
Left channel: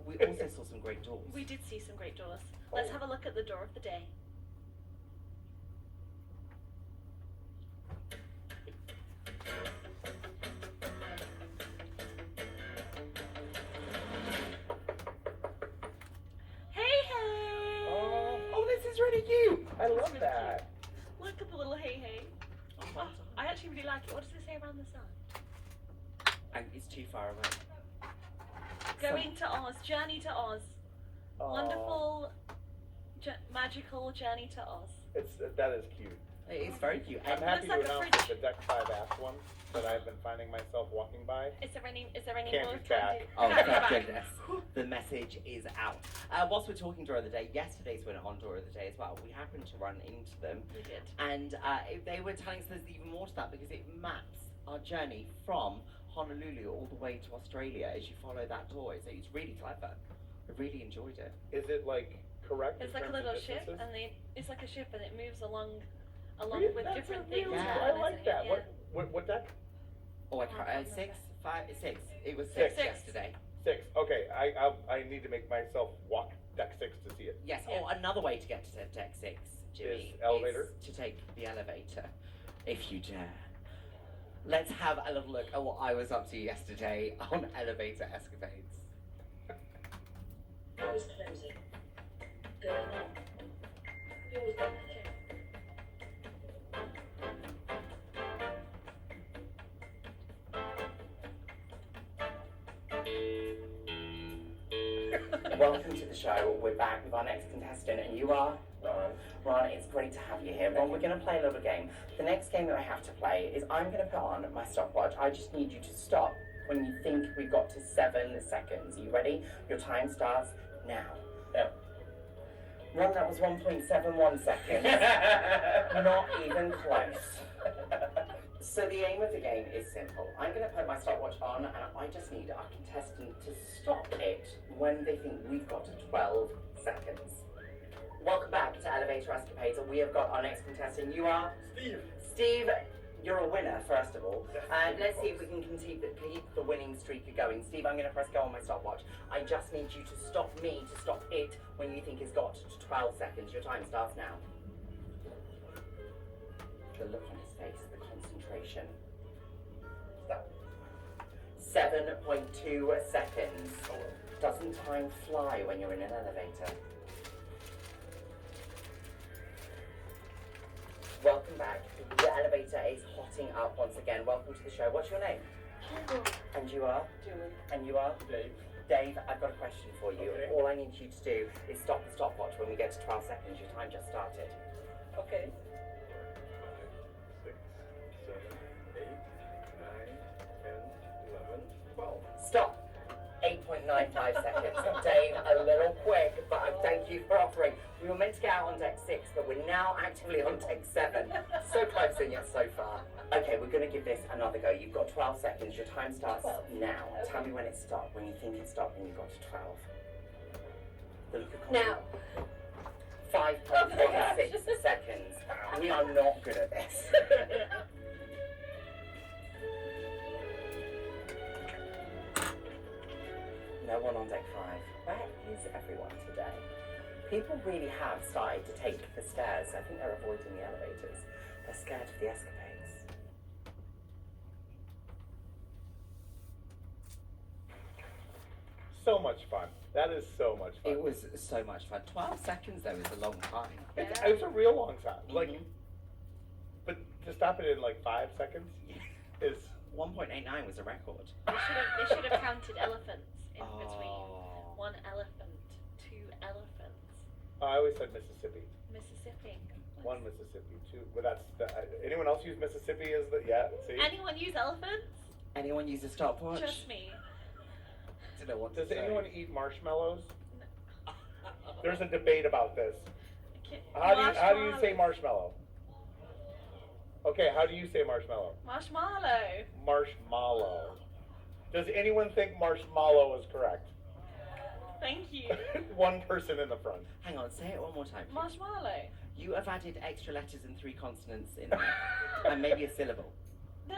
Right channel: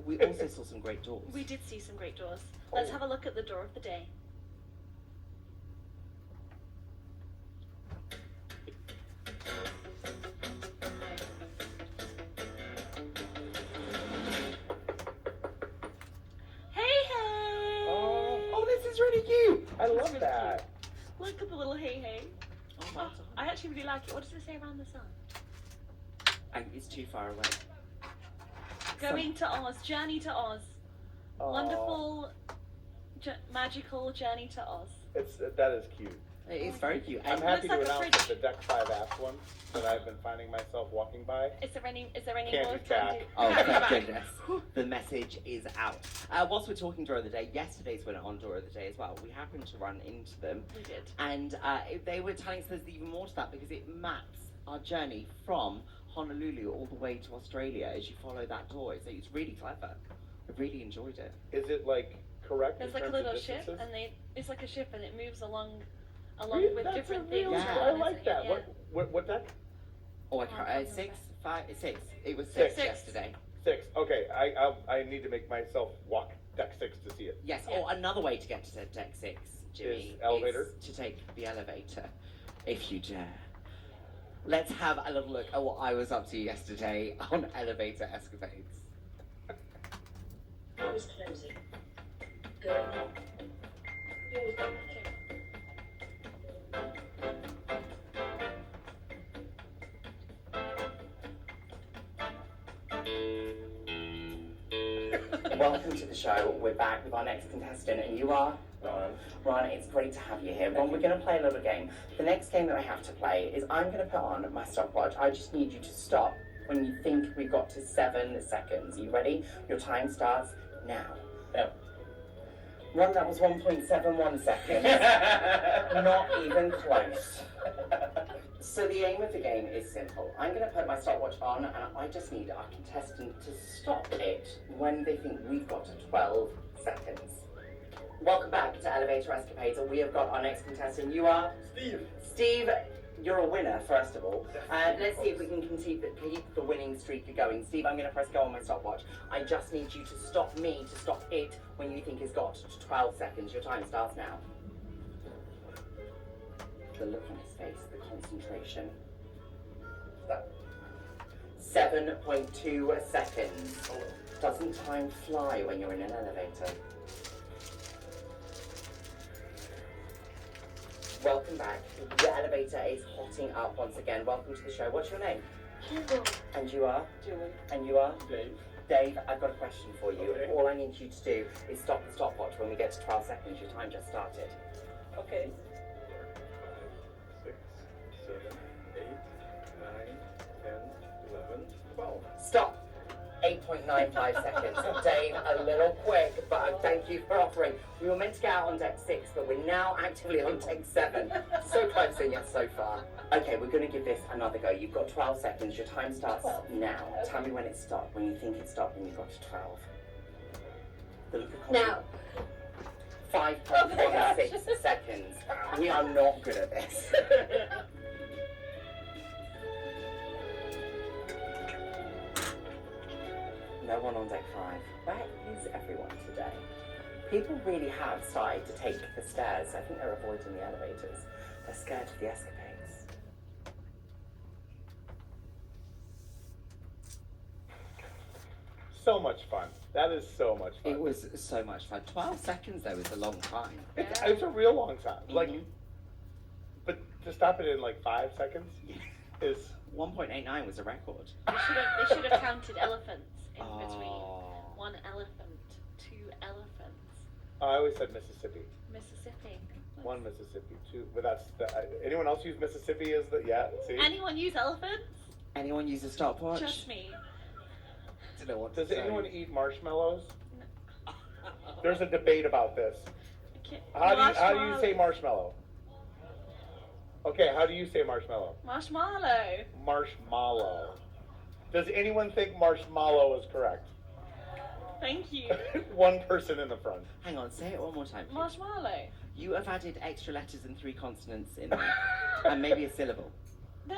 We also saw some great doors. We did see some great doors. Let's have a look at the door of the day. Hey! Oh, this is really cute. I love really that. Look at the little hey. Oh, Oh, I actually really like it. What does it say around the sun? it's too far away. Going to Oz, journey to Oz. Aw, Wonderful, magical journey to Oz. That is cute. It is very cute. I'm And happy like to a announce that fridge. the Deck 5 Apps one that I've been finding myself walking by. Is there any Candy more back. oh, Candy thank back. goodness. The message is out. Whilst we're talking Door of the Day, yesterday's winner on Door of the Day as well, we happened to run into them. We did. And they were telling us there's even more to that because it maps our journey from Honolulu all the way to Australia as you follow that door. So it's really clever. I really enjoyed it. Is it like correct? There's in like a terms of little ship, distances? and it's like a ship, and it moves along Really? with That's different a things. really- Yeah. I like that. Yeah. What deck? Oh, I Oh, can't, I can't 6, remember. 5, 6. It was Six. 6 yesterday. 6. Okay, I need to make myself walk Deck 6 to see it. Yes. Yeah. Oh, another way to get to Deck 6, Jimmy, elevator? is to take the elevator, if you dare. Let's have a little look at what I was up to yesterday on elevator escapades. Doors closing. Going on. Doors opening. Welcome to the show. We're back with our next contestant, and you are? Ron, it's great to have you here. Ron, we're going to play a little game. The next game that I have to play is I'm going to put on my stopwatch. I just need you to stop when you think we've got to 7 seconds. Are you ready? Your time starts now. No. Ron, that was 1.71 seconds. Not even close. So the aim of the game is simple. I'm going to put my stopwatch on, and I just need our contestant to stop it when they think we've got to 12 seconds. Welcome back to Elevator Escapades, and we have got our next contestant. You are? Steve. Steve, you're a winner, first of all. Let's see if we can keep the winning streak going. Steve, I'm going to press go on my stopwatch. I just need you to stop me to stop it when you think it's got to 12 seconds. Your time starts now. The look on his face, the concentration. 7.2 seconds. Doesn't time fly when you're in an elevator? Welcome back. The elevator is hotting up once again. Welcome to the show. What's your name? Hugo. And you are? Julie. And you are? Dave. Dave, I've got a question for you. Okay. All I need you to do is stop the stopwatch when we get to 12 seconds. Your time just started. Okay. 6, 7, 8, 9, 10, 11, 12. Stop. 8.95 seconds. Dave, a little quick, but I thank you for offering. We were meant to get out on deck 6, but we're now actively on deck 7. So close and yet so far. Okay, we're going to give this another go. You've got 12 seconds. Your time starts 12. now. Tell me when it stopped, when you think it stopped and you've got to 12. The look of Now. 5.16 seconds. We are not good at this. No one on deck 5. Where is everyone today? People really have started to take the stairs. I think they're avoiding the elevators. They're scared of the escapades. So much fun. That is so much fun. It was so much fun. 12 seconds though is a long time. It's a real long time. Like, Mhm. but to stop it in like 5 seconds is 1.89 was a record. They should have counted elephants in between. Oh. 1 elephant, 2 elephants. I always said Mississippi. Mississippi. 1 Mississippi, 2. But that's anyone else use Mississippi as the see? Anyone use elephants? Anyone use a stopwatch? Just me. Don't know what to Does say. anyone eat marshmallows? There's a debate about this. Okay. How do you say marshmallow? Okay, how do you say marshmallow? Marshmallow. Marshmallow. Does anyone think marshmallow is correct? Thank you. 1 person in the front. Hang on, say it one more time. Please. Marshmallow. You have added extra letters and 3 consonants in there. And maybe a syllable. No,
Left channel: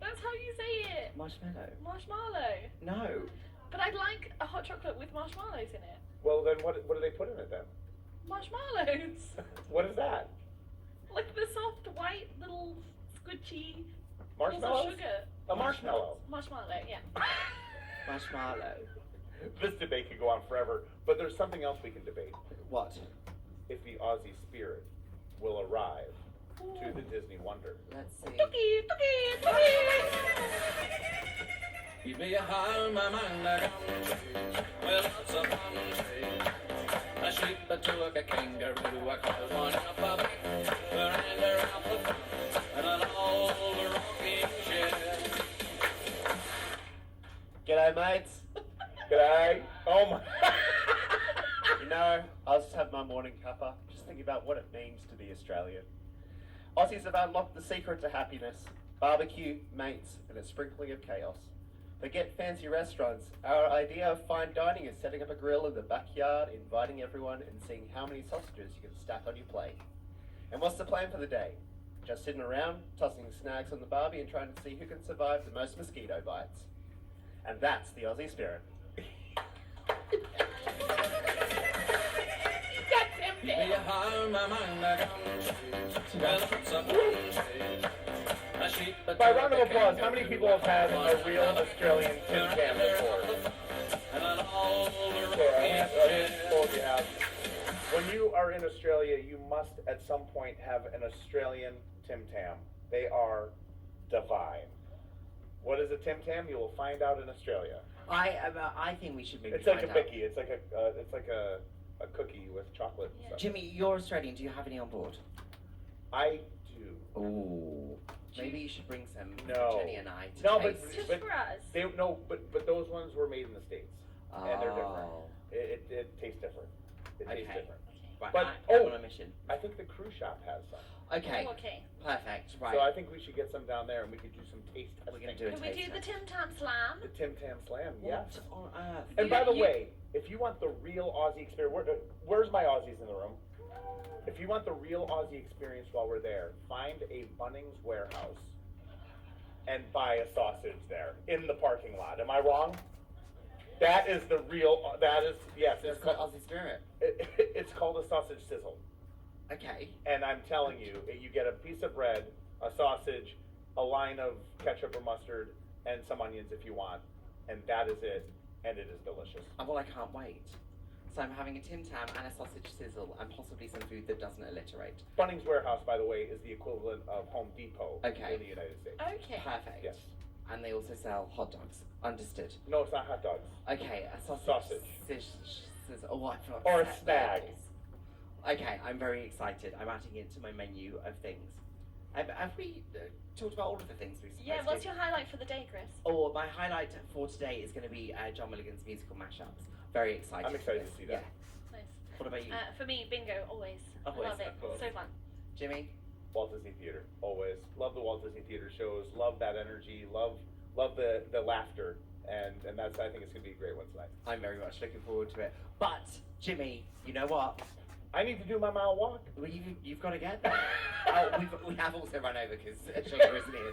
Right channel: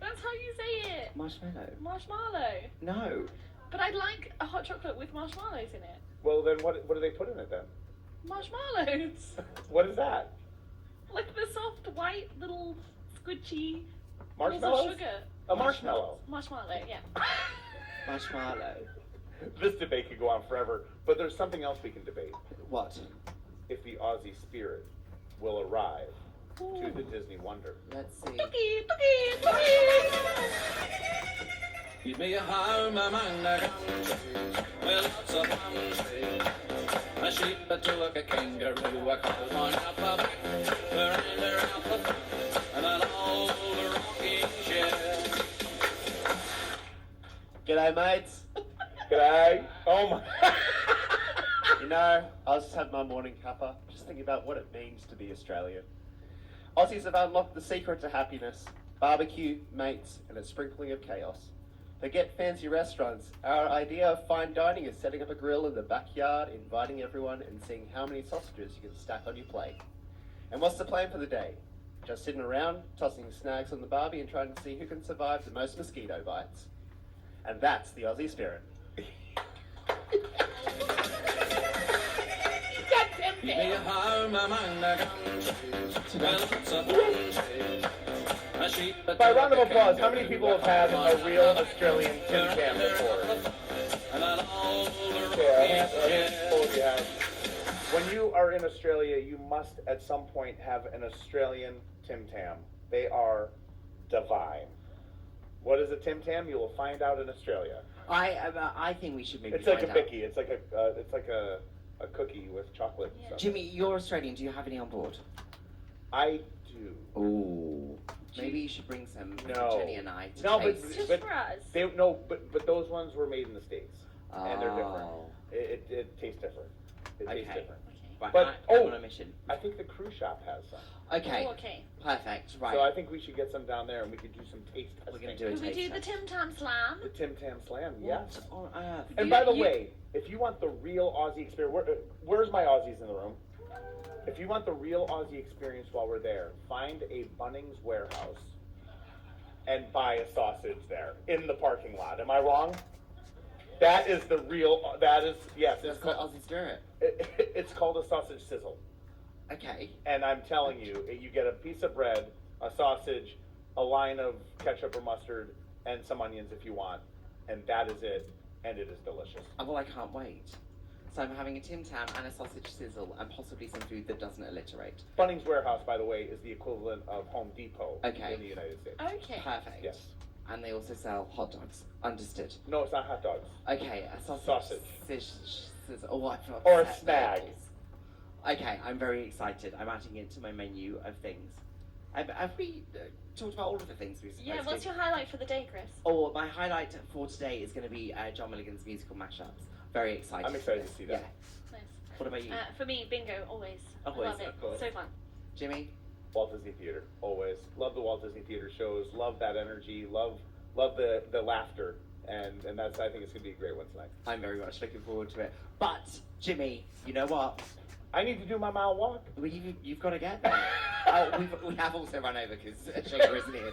that's how you say it. Marshmallow. Marshmallow. No. But I'd like a hot chocolate with marshmallows in it. Well, then what do they put in it then? Marshmallows. What is that? Like the soft white little squidgy balls of Marshmallows? sugar. A marshmallow. Marshmallow, yeah. Marshmallow. This debate could go on forever, but there's something else we can debate. What? If the Aussie spirit will arrive to the Disney Wonder. Let's see. Tookie, tookie, tookie. Keep me home among the country, where lots of palm trees. A sheep, a tulip, a kangaroo, a couple on up a back, a reindeer up the front, and an old rocking chair. G'day, mates. G'day. Oh my. You know, I was just having my morning cuppa, just thinking about what it means to be Australian. Aussies have unlocked the secret to happiness: barbecue, mates, and a sprinkling of chaos. Forget fancy restaurants. Our idea of fine dining is setting up a grill in the backyard, inviting everyone, and seeing how many sausages you can stack on your plate. And what's the plan for the day? Just sitting around, tossing snags on the barbie and trying to see who can survive the most mosquito bites. And that's the Aussie spirit. Keep me home among the country, where lots of palm trees. A sheep, a By tulip, round of a applause, how many kangaroo, people have had a real Australian Tim Tam before? and an old Yeah, rocking chair. you have. When you are in Australia, you must at some point have an Australian Tim Tam. They are divine. What is a Tim Tam? You will find out in Australia. I think we should maybe It's like a find out. bicky. It's like a cookie with chocolate and Yeah. stuff. Jimmy, you're Australian. Do you have any on board? I do. Ooh. Maybe you should bring some for No. Jenny and I to No, but- taste. Just But- for us. But those ones were made in the States, and they're different. Oh. It tastes different. It tastes Okay. different. Okay. Right, But- I'm oh. on a mission. I think the cruise shop has some. Okay, Oh, okay. perfect. Right. So I think we should get some down there and we could do some taste testing. We're gonna do a Could we taste do the test. Tim Tam Slam? The Tim Tam Slam, yes. What on earth? And You- by the you- way, if you want the real Aussie experience, where's my Aussies in the room? If you want the real Aussie experience while we're there, find a Bunnings warehouse and buy a sausage there in the parking lot. Am I wrong? That is the real. That is yes. That's called Aussie Spirit. It's called a sausage sizzle. Okay. And I'm telling you, you get a piece of bread, a sausage, a line of ketchup or mustard, and some onions if you want, and that is it. And it is delicious. Well, I can't wait. So I'm having a Tim Tam and a sausage sizzle and possibly some food that doesn't alliterate. Bunnings Warehouse, by the way, is the equivalent of Home Depot Okay. in the United States. Okay. Perfect. Yes. And they also sell hot dogs. Understood. No, it's not hot dogs. Okay, a sausage. Sausage. Sizzle. Oh, I feel Or a upset snag. labels. Okay, I'm very excited. I'm adding it to my menu of things. Have we talked about all of the things we've Yeah, what's your highlight for the day, Chris? Oh, my highlight for today is going to be John Milligan's musical mashups. Very excited. I'm for excited this. to see that. Yeah. Nice. What about you, For me, bingo, always. Always, I love it. of course. So fun. Jimmy? Walt Disney Theater, always. Love the Walt Disney Theater shows. Love that energy. Love the laughter. And that's, I think it's going to be a great one tonight. I'm very much looking forward to it. But Jimmy, you know what? I need to do my mile walk. Well, you've got to get there. We have also run over because Shaker isn't here.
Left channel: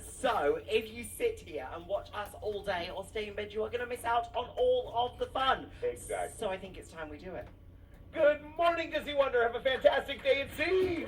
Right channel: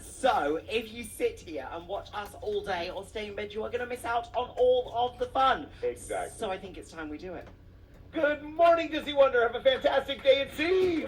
So, if you sit here and watch us all day or stay in bed, you are going to miss out on all of the fun. Exactly. So I think it's time we do it. Good morning, Disney Wonder. Have a fantastic day at sea.